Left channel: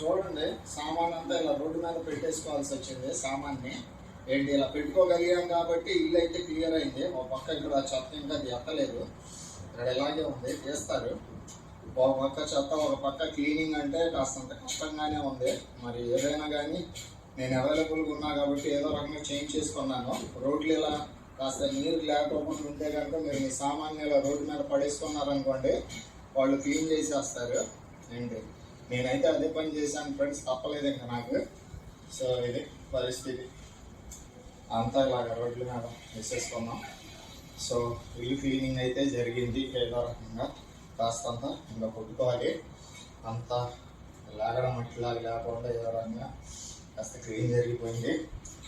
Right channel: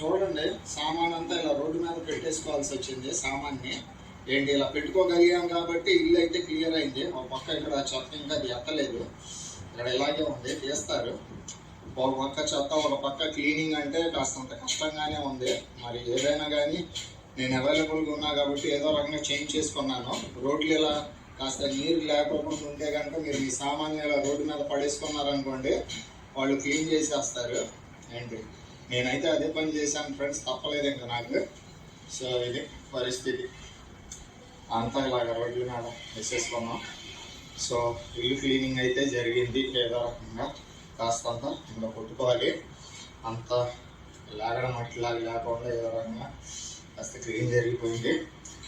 చూడండి, సామాన్ అంతా ఇలా రోడ్డు మీద పెట్టేసుకోవాల్సి వచ్చింది. సామాన్ని ఏంటి ఇలా పెట్టుకోగలిగాం కాబట్టి ఇల్లు అయితే క్లియర్ అయింది. ఒక పక్క ఇక్కడ చెత్త ఇంకా అది ఎత్తలేదు, ఇక్కడ ఇలాగే ఉంది, తీస్తారు. ఒక పక్క చెత్త, ఒక పక్క క్లీనింగ్ అంటే కాస్తంత కష్టంగానే ఉంది. మరి ఏదైనా కానీ నేను అవైలబుల్గా ఉన్నా కాబట్టి ఏదో రకంగా చేంజ్ చేసుకున్నాను. రోడ్లు ఇలా కాస్త నీరు లేకపోకుండా ఉంటే కనుక మీరు మీ సామాన్లు ఇలా రోడ్డు మీద పడేసుకున్నారనుకోండి, వాళ్ళు క్లీన్ చేసేస్తారు. ఏంటి నేనైతే అదే పని చేశాను ఫ్రెండ్స్, తప్పలేదు ఇంకా నాకు. సో ఇది పరిస్థితి, అంతా ఇలాగ రోడ్ల మీద వేసేసుకున్నాం. సో ఇల్లు క్లీనింగ్ అయితే జరిగింది. ఏదో రకంగా కాస్తంత ఇంకా కొట్టుకోవాలి, అంతా లాగడం అట్లా లేకుండా ఏదో రకంగా కాస్త క్లీన్ జరిగిపోయింది.